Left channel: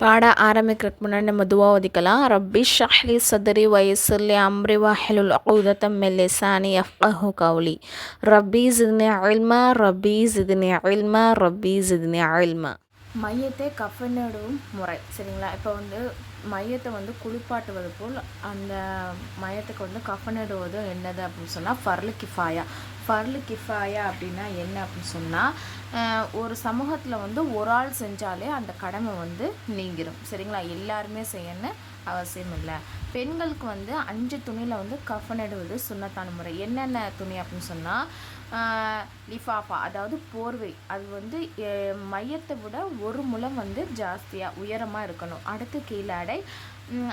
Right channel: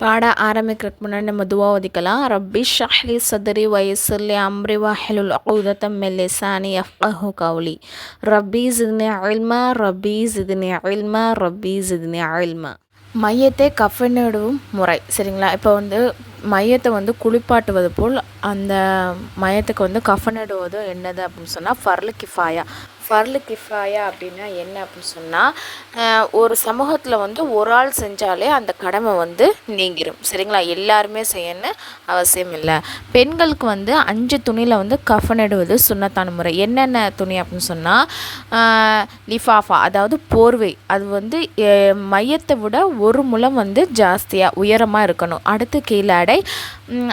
பாட ஆரம்பிக்கிறதுக்கு முன்னாடி நம்ம துவா ஒதுக்கலாம். ரப்பி ஷ்ரஹ்லி சத்ரி வயஸ்ஸிர்லி அம்ரி வஹ்லுல் உக்தத்தம் மின் லிசானி யஃப்கஹு கௌலி. ரப்பி ஸித்னி இல்மா ரப்பி ஸித்னி இல்மா ரப்பி ஸித்னி இல்மா. மையத்தை கஃனிடும் முறை சரிங்களா. இப்போ மையத்தை குளிப்பாட்டுவது போல் அந்த மையத்துக்கு கஃனிடுவது என்னது அப்படின்னு சொன்னால் ஃபர்லு கிஃபாயா. ஃபர்லு கிஃபாயா அப்படின்னா என்ன அப்படின்னு சொன்னால் ஒரு சமூகத்தில் ஒரு ஆள் செஞ்சாலே அந்த கடமை நீங்கிடும் சரிங்களா. எல்லாருமே செய்யணும்னு அவசியம் இல்லை. பெண்களுக்கு 5 துணியில் கஃனிடுவது சுன்னத்தான முறை. என்னென்ன துணி அப்படின்னு சொன்னால் லிஃபாஃபா அதாவது போர்வை, அது மையத்தை விட ஒரு முழம் ஜாஸ்தியாக உயரமாக இருக்கணும். அடுத்து கீழாடை,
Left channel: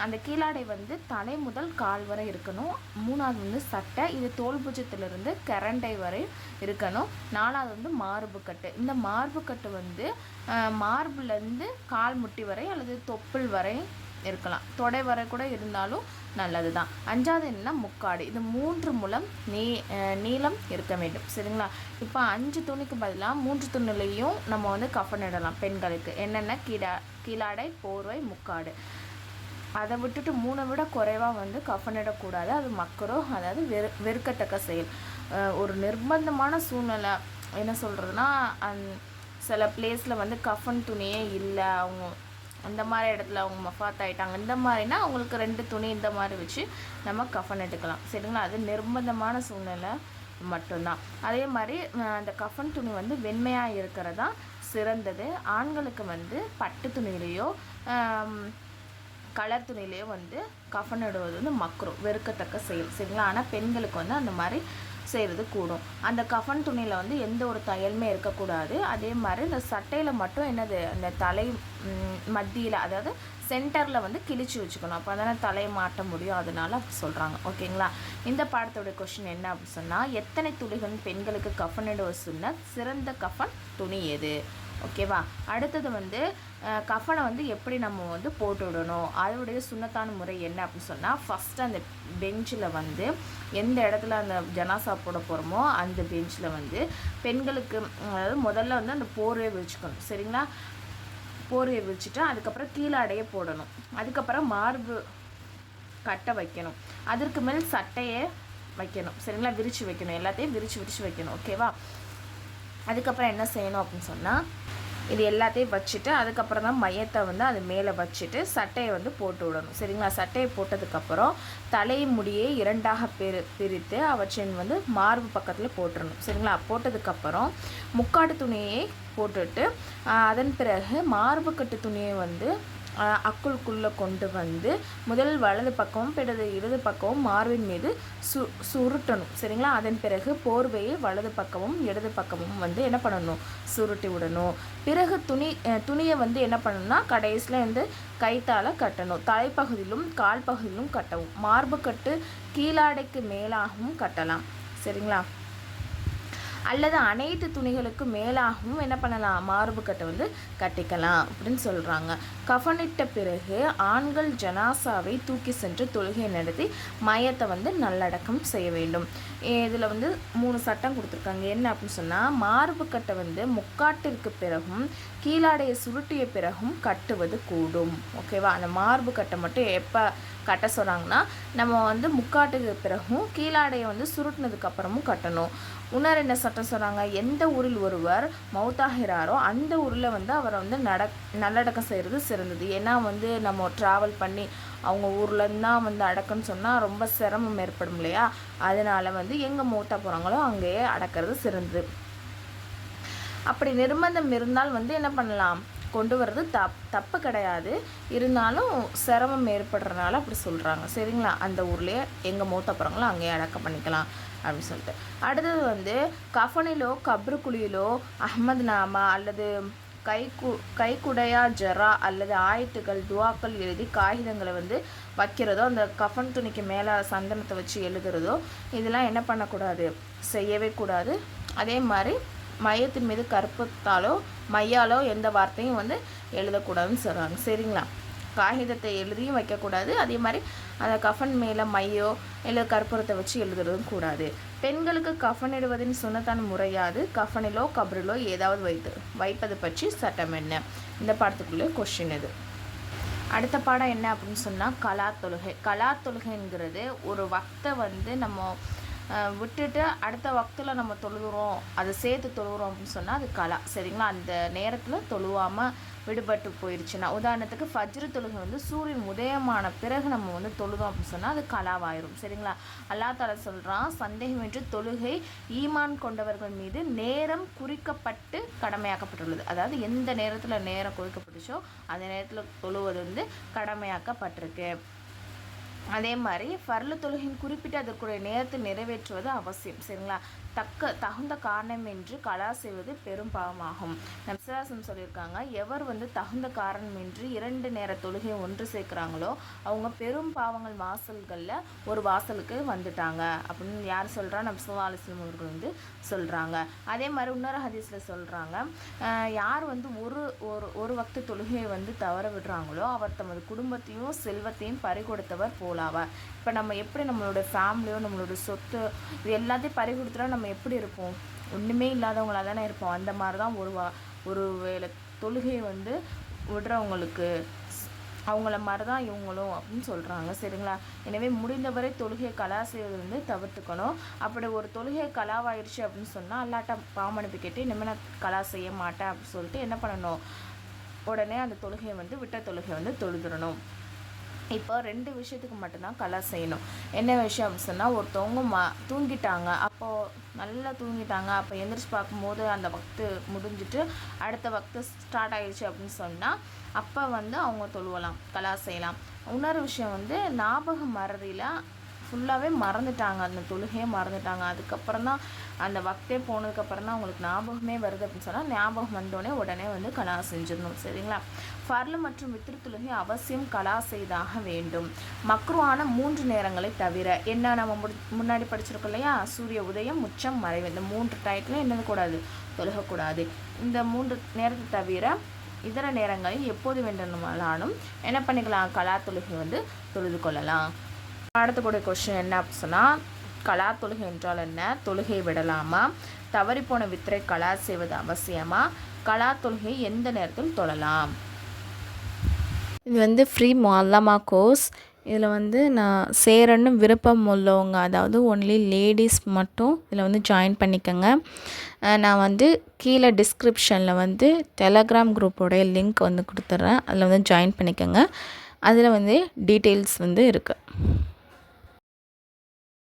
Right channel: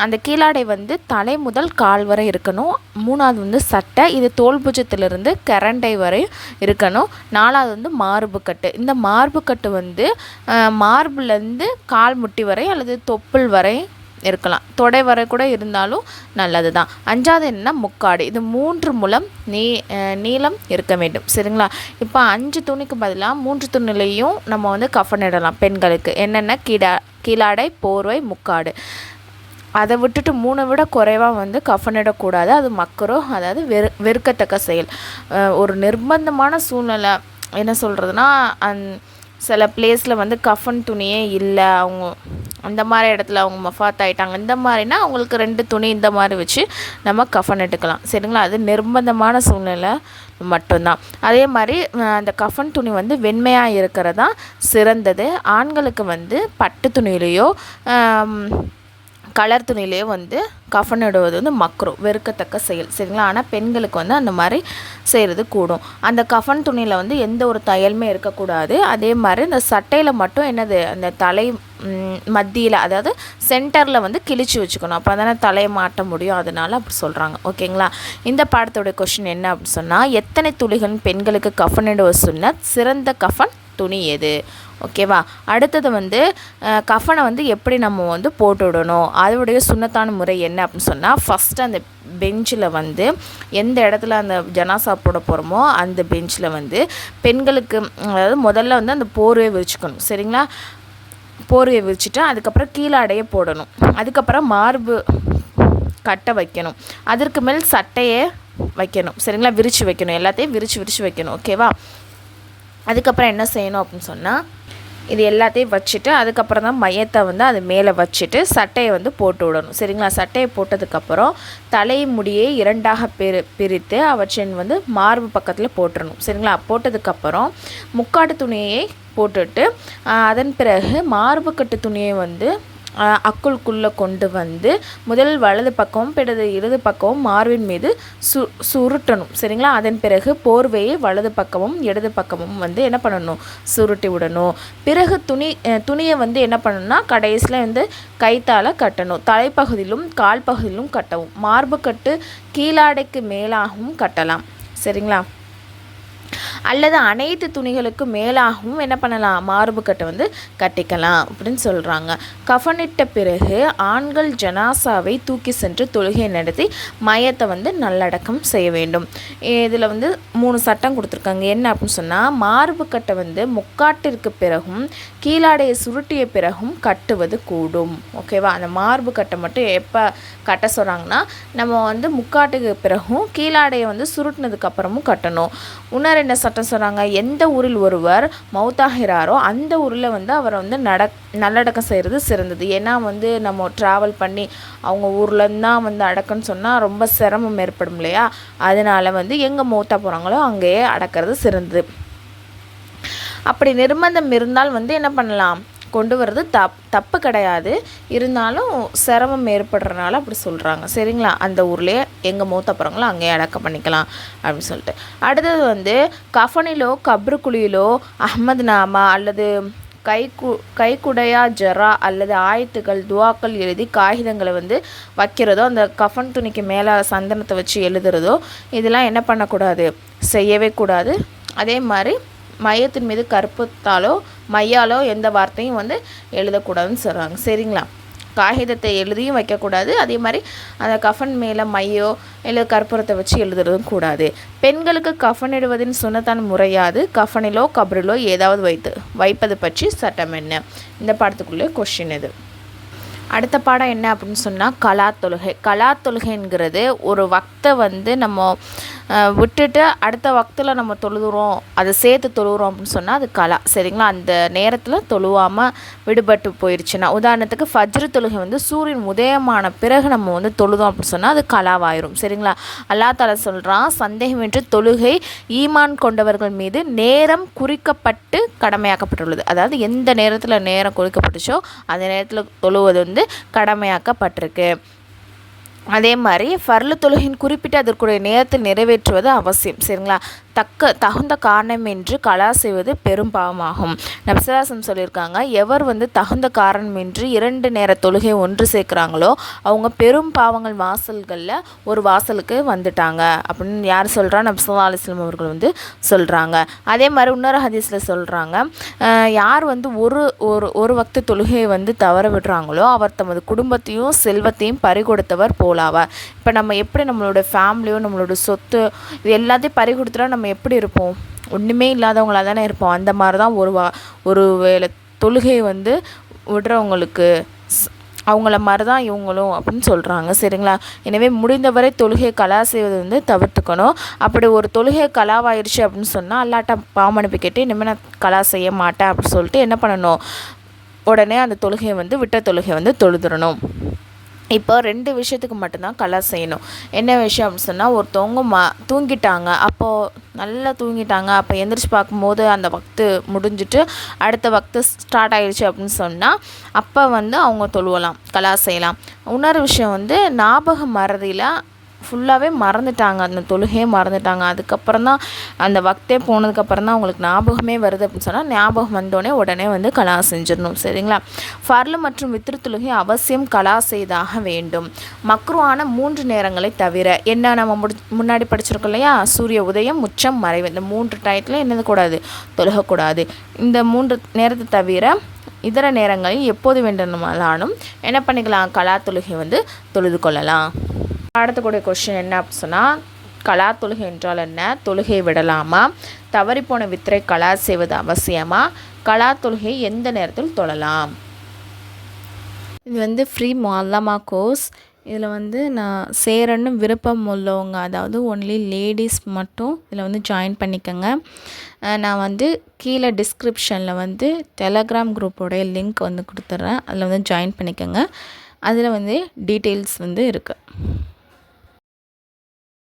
அந்த கீழாடை தலை முதல் கால் வரை இருக்கணும். 3வது சட்டை, இது தோல் பூஜத்திலிருந்து கரண்டை வரை இருக்கணும். 4வது மார்பு கட்டு. இந்த மார்பு கட்டு மார்புலேருந்து கால் முட்டி வரை அல்லது தொப்புள் வரை இருக்கலாம், தொடை வரை கூட இருந்தாலும் நல்லது தான். 5வது என்னென்னா முக்காடு, இது 3 முழம் நீளம் இருக்க வேண்டும் சரிங்களா. இப்போ 5 துணிக்கு பதிலாக 3 துணிலையும் நம்ம கஃனிடலாம். பெண்களுக்கு என்னென்ன கீழாடை, போர்வை, முக்காடு. அதை விட்டுட்டு 3 விட குறைவாக கஃனிடக்கூடாது. அது மக்கரோ, அதாவது வெறுக்கத்தக்க செயல். ஒரு நிர்பந்தமான சூழ்நிலை என்ன சொல்கிறதுனா, சில பிளேஸில் கஃன் துணியே இல்லை, அவங்க அந்த மாதிரி இடத்துல அவங்க மஃபாத் ஆகிட்டாங்க, இந்த மாதிரினா அவங்களுக்கு 2 துணி இந்த மாதிரி வச்சு நம்ம கஃன் எடுக்கலாம் சரிங்களா. அது நிர்பந்தமான சூழ்நிலை மட்டும்தான். அதே மாதிரி அந்த கஃன் துணி வெண்மையாக இருக்கிறதா சிறந்தது. ஆண்களுக்கு பட்டு துணியிலையோ கலர் துணியிலே கஃனிடுவது மக்ரூ, வெறுக்கத்தக்க செயல் சரிங்களா. ஆனால் பெண்களுக்கு அந்த மாதிரி செய்கிறது கூடும். அந்த கஃன் துணியில் எந்த ஒரு தையலுமே இருக்கக்கூடாது. அதே மாதிரி இந்த சட்டையில் மட்டும் என்னது, அந்த தலை மத்தியில் அதாவது சென்டரில் கிழிச்சு வச்சுக்கணும். அப்போ தானே தலையை மாட்ட முடியும், அதனால் அப்படி சொல்கிறாங்க ஓகேங்களா. இந்த பாடத்தோடைய கொஷின் என்ன அப்படின்னு சொன்னால், எத்தனை துளிகள் பெண்களுக்கு கஃனிடுவது சுன்னத், சிறந்த கஃன் துணி எது? ஓகேவா. அடுத்தது கஃனை எப்படி நம்ம போட்டு விடணும், அதோடைய சுன்னத்தான முறை என்ன அப்படின்னு சொன்னால், ஃபஸ்ட்டு அந்த பெஞ்சில் எந்த இடத்துல அந்த ஜனாசா போட போகிறோமோ அந்த பெஞ்சில் பெண்களுக்கு அதாவது முதல்ல அந்த போர்வையை விரிச்சுக்கணும் சரிங்களா. போர்வையை விரிச்சிட்டு அதுக்கப்புறம் கீழாடையை போடணும். அதுக்கப்புறம் மார்பு கட்டை வைக்கணும். அதற்கு மேல் சட்டையை வைக்கணும் சரிங்களா. விரித்து வைக்கணும், எல்லாத்தையும் விரித்து வைக்கணும் ஓகேவா. அதுக்கப்புறம் என்ன செய்யணும் அப்படின்னு சொன்னால், இது எல்லாத்தையும் வச்சுட்டு அதுக்கப்புறம் தான் மையத்தை அது மேலே வச்சுட்டு சட்டையை போட்டு விடணும் சரிங்களா. சட்டையை போட்டதுக்கப்புறம் தலை முடியை 2ஆக பிரித்து அவற்றின் மார்பு பக்கத்தில் போட்டுடணும் சரிங்களா. போட்டதுக்கப்புறம் முக்காட்டு துணியை போட்டுட்டு அதன் பிறகு மார்பு கட்டு துணியை அக்குள்குள்ளே கொண்டு முதல் வலது பக்கமும் பிறகு இடது பக்கமும் மார்பின் மீது சுருட்டணும் சரிங்களா. அதன் பிறகு போர்வையை வலது பக்கமும் இடது பக்கமும் என்ன பண்ணணும், சுருட்டி விடணும். பிறகு துணியை என்ன பண்ணணும்னா கடைசியில் கைத்தால் கட்டணும். தலைப்பகுதியிலும் கால் பகுதியிலும் கட்டவும். மார்பு கட்டு கீழாடைக்கு மேலாகவும் கட்டலாம் சரிங்களா. அல்லது அனைத்து துணிகளுக்கு மேலாகவும் என்ன பண்ணலாம், மார்பு கட்டை கட்டிக்கலாம் அப்படின்னு சொல்கிறாங்க. கஃனிட்ட பிறகு ஆண்கள் ஜனாசாவை தூக்கி சென்று தொழுகை நடத்தி மையத்தை நல்லடக்கம் செய்ய வேண்டும். இதில் 3 சட்டம் கொடுத்துருக்காங்க. என்ன அப்படின்னு சொன்னால், மார்பு கட்டை முக்காட்டிற்கு பிறகும் கீழாடையை சுருட்டிய பிறகும் கட்டுவது கூடும் ஓகேவா. அந்த மார்பு கட்டை மட்டும் எப்போ கட்ட சொல்கிறாங்கன்னா, நம்ம முக்காட்டுக்கு பிறகும் கீழாடையை சுருட்டினதுக்கு அப்புறமும் கட்டணும். இன்னும் 2 சட்டம் சொல்கிறாங்க. எந்த ஊரில் ஒருவர் மௌத்தாகிறாரோ அந்த ஊரில் அவரை நல்லடக்கம் செய்கிறது சிறந்தது. ஏன்னா நம்ம ட்ராவல் பண்ணி அவங்க ஊர்லேருந்து தான் அடக்கன்னு சொன்னால் ரொம்ப சிரமம் ஏற்படும் இல்லையா. அதனால் எங்கே மௌத்தா போகிறாங்களோ அங்கேயே அடக்கிறது சிறந்தது. அப்படி நிர்பந்தம் இருந்தால் என்ன பண்ணலாம், கொண்டு வர்றது தப்பு கிடையாது. இருந்தாலும் சிரமம் ஏற்படுறதுனால அப்படி சொல்கிறாங்க சரிங்களா. அந்த ஊர்லேயே எங்கே மூத்த போகிறாங்களோ அங்கேயே அடக்கம் பண்ணிக்கலாம் அப்படின்னு சொல்லிட்டு. அடுத்தது கஃனிலோ கப்ருக்குழியிலோ அஹ்மத் நாமா அல்லது கைக்குடையா ஜரா அல்லது ஆயத்துக்கள் துவாக்கள் எழுதி காகிதங்களை வைக்கிறதோ, அந்த கஃன் துணிக்கு மேலே சந்தனத்தை வச்சு எழுதுறதோ, இதெல்லாம் என்ன பண்ணக்கூடாது, செய்யவே கூடாது. அதே மாதிரி மையத்தின் மீது கற்பத்தாலோ மையாலோ எந்த வார்த்தையும் எழுதக்கூடாதுன்னு சொல்கிறாங்க சரிங்களா. காகிதத்தை எழுதியும் வைக்கக்கூடாது. அதே மாதிரி அந்த கஃன் மேலே மையோ இல்லை கற்பூரத்தை வச்சு எழுதுறதும் கூடாது. பெண்களுக்கு கஃனிடுவதின் சுன்னத்தான முறையாது கஃனிலோ கப்ரிலோ ஏதாவது வைப்பது பற்றி சட்டம் என்ன? இந்த பாடத்துக்குள்ளே கொஸ்டின் இது. அடுத்த பாடம் என்ன அப்படின்னு சொன்னால் கலா தொழுகை. கலா தொழுகைங்கிறது ஒரு வக்தை வந்து நம்ம விட்டுட்டு அடுத்த வக்தில் நம்ம தொழுகிறோம், அதை சேர்த்து தொழுகிறோம் அப்படின்னு சொன்னால் அது கலா. சரிங்களா? அந்த நேரத்தில் தொழுவாமல் விடுபட்டு போயிடுச்சுன்னா, உதாரணத்துக்கு ஃபஜ்ரு தொழுகை வந்து சூரியன் உதயமான பிறகு நம்ம வந்து தொழுதோம் அப்படின்னு சொன்னால் அது கலாவாயிரும். சரிங்களா? அல்லா தஆலா சொல்கிறான், சந்தேகமின்றி தொழுகை ஈமான் கொண்டவர்கள் மீது நேரம் குறிக்கப்பட்டு கடமையாக்கப்பட்டுள்ளது. அதாவது எந்த நேரத்தில் நேரம் குறிக்கப்பட்டுச்சோ அந்த நேரத்தில் தொழுவது வந்து கடமையாக்கப்பட்டிருக்கு. அதே மாதிரி ஃபர்லு தொழுகையின் குறிப்பிட்ட அதற்குரிய நேரத்தில் நிறைவேற்றுவது அவசியம். சரிங்களா? தகுந்த காரணமின்றி கலா செய்வது பெரும் பாவமாகும். நபிசல்லாசம் சொல்லியிருக்காங்க, எவர் வந்து தகுந்த காரணமின்றி 2 நேர தொழுகை ஒன்று சேர்க்குறாங்களோ அவங்க பெரும் பாவங்கள் வாசல்களில் ஒரு வாசலுக்கு வந்துட்டாங்க அப்படின்னு யார் சொல்கிறா? நபிசல்லா அலிஸ்லாம் அவர்கள் வந்து சொல்கிறாங்க. அதே மாதிரி இன்னொரு ஹதீஸில் சொல்கிறாங்க, யார் வந்து ஒரு வக்த தொழுகையை வந்து தவற விடுறாங்களோ அவர் தமது குடும்பத்தையும் செல்வத்தையும் பறிகொடுத்தவர் போலாவார். இப்போ நம்ம எப்படி நம்மளோட ஃபேமிலியோ நம்மளோட சொத்து இது எல்லாத்தையும் பறிகொடுத்துட்டா நம்ம எப்படி இருப்போம்? ஒன்றுமே இல்லாதவங்களாக தானே இருப்போம். அந்த மாதிரி தான் ஒரு வேளை தொழுகை வந்து விடுறவங்களுக்கு அவங்கள மாதிரி தான் இவங்களும் அப்படின்னு சொல்கிறாங்க. சரிங்களா? எனவே முடிந்தவரை தொழுகை கலா செய்வது வந்து தவிர்த்துக்கணும். அப்படி ஒரு தொழுகை கலாவாயிடுச்சு அப்படின்னு சொன்னால் அல்லாட்ட பாவமனுப்பி கேட்டு இனிமேல் நான் கலா செய்ய மாட்டேன் அப்படின்னு சொல்லிட்டு என்ன பண்ணணும்? உடனே அந்த தொழுகையை வந்து விட்ட தொழுகை வந்து தொழுதுறணும். இப்போ 2 விஷயத்துக்கு மட்டும்தான் கலா செய்யணும். என்ன விஷயம் அப்படின்னு சொன்னால், ஒருத்தவங்க தூங்கிட்டாங்க, அப்போது நல்லா தூங்கிட்டாங்க, அப்போ எந்திரிச்சு பார்க்கும்போது அந்த வக்து முடிஞ்சிட்டு அடுத்த வக்து ஸ்டார்ட் ஆகிடுச்சு அப்படின்னு சொன்னால் அப்போ வந்து அவங்க தொழுவலாம், கலா செய்யலாம். இன்னொரு விஷயம் வந்து ஞாபகம் மறதியில் ஃபுல்லாகவே மறந்துட்டாங்க, அந்த தொழுகையே மறந்துட்டாங்க, அதுக்கப்புறம் தான் அந்த வக்தே போனதுக்கப்புறம் தான் அவங்களுக்கு ஞாபகமே வருது அப்படின்னு சொன்னால் ஞாபகம் வந்தோடனே உடனே வந்து கலா செஞ்சிடணும். சரிங்களா? ஃபர்லு மற்றும் வித்ரு தொழுகை அவசியம் கலா செய்தாக வேண்டும். மக்ருவான 3 நேரங்களை தவிர, என்ன நம்ம முன்னாடி படிச்சிருக்கோம் இல்லையா, சூரிய உதயம், உச்சம், மறைவு, இந்த 3 டயத்தில் என்னது கூடாது? தொழுகக்கூடாது. இந்த 3 நேரத்தை தவிர இதர நேரங்களில் எப்போது வேண்டுமானாலும் என்ன பண்ணிக்கலாம்? கலா தொழுகை வந்து தொழுது கொள்ளலாம். அடுத்தக்கூடிய கொஸ்டின் என்ன அப்படின்னு சொன்னால், கலா தொழுகை என்றால் என்ன? தொழுகை விடலாமா? தவறிப்போன வித்திரை கலா செய்வது அவசியமா? கலா தொழுகை எந்த நேரத்தில் தொழலாம்? இது வந்து ஃப்ரீ முஅல்லமா கோர்ஸ். இதில் வந்து நான் சேரன்னு விருப்பம் உள்ளவங்க, அதாவது ஒன்லி லேடிஸ் மட்டும் இதில் வந்து ஜாயின் பண்ணிக்கோங்க. நான் வந்து கீழே டிஸ்கிரிப்ஷனில் வந்து டெலகிராம் குரூப்போடைய லிங்க் வந்து கொடுத்துட்றேன், அதில் வந்து ஜாயின் பண்ணிக்கோங்க. அதில் வந்து டீட்டெயில்ஸ் வந்து இருக்குது.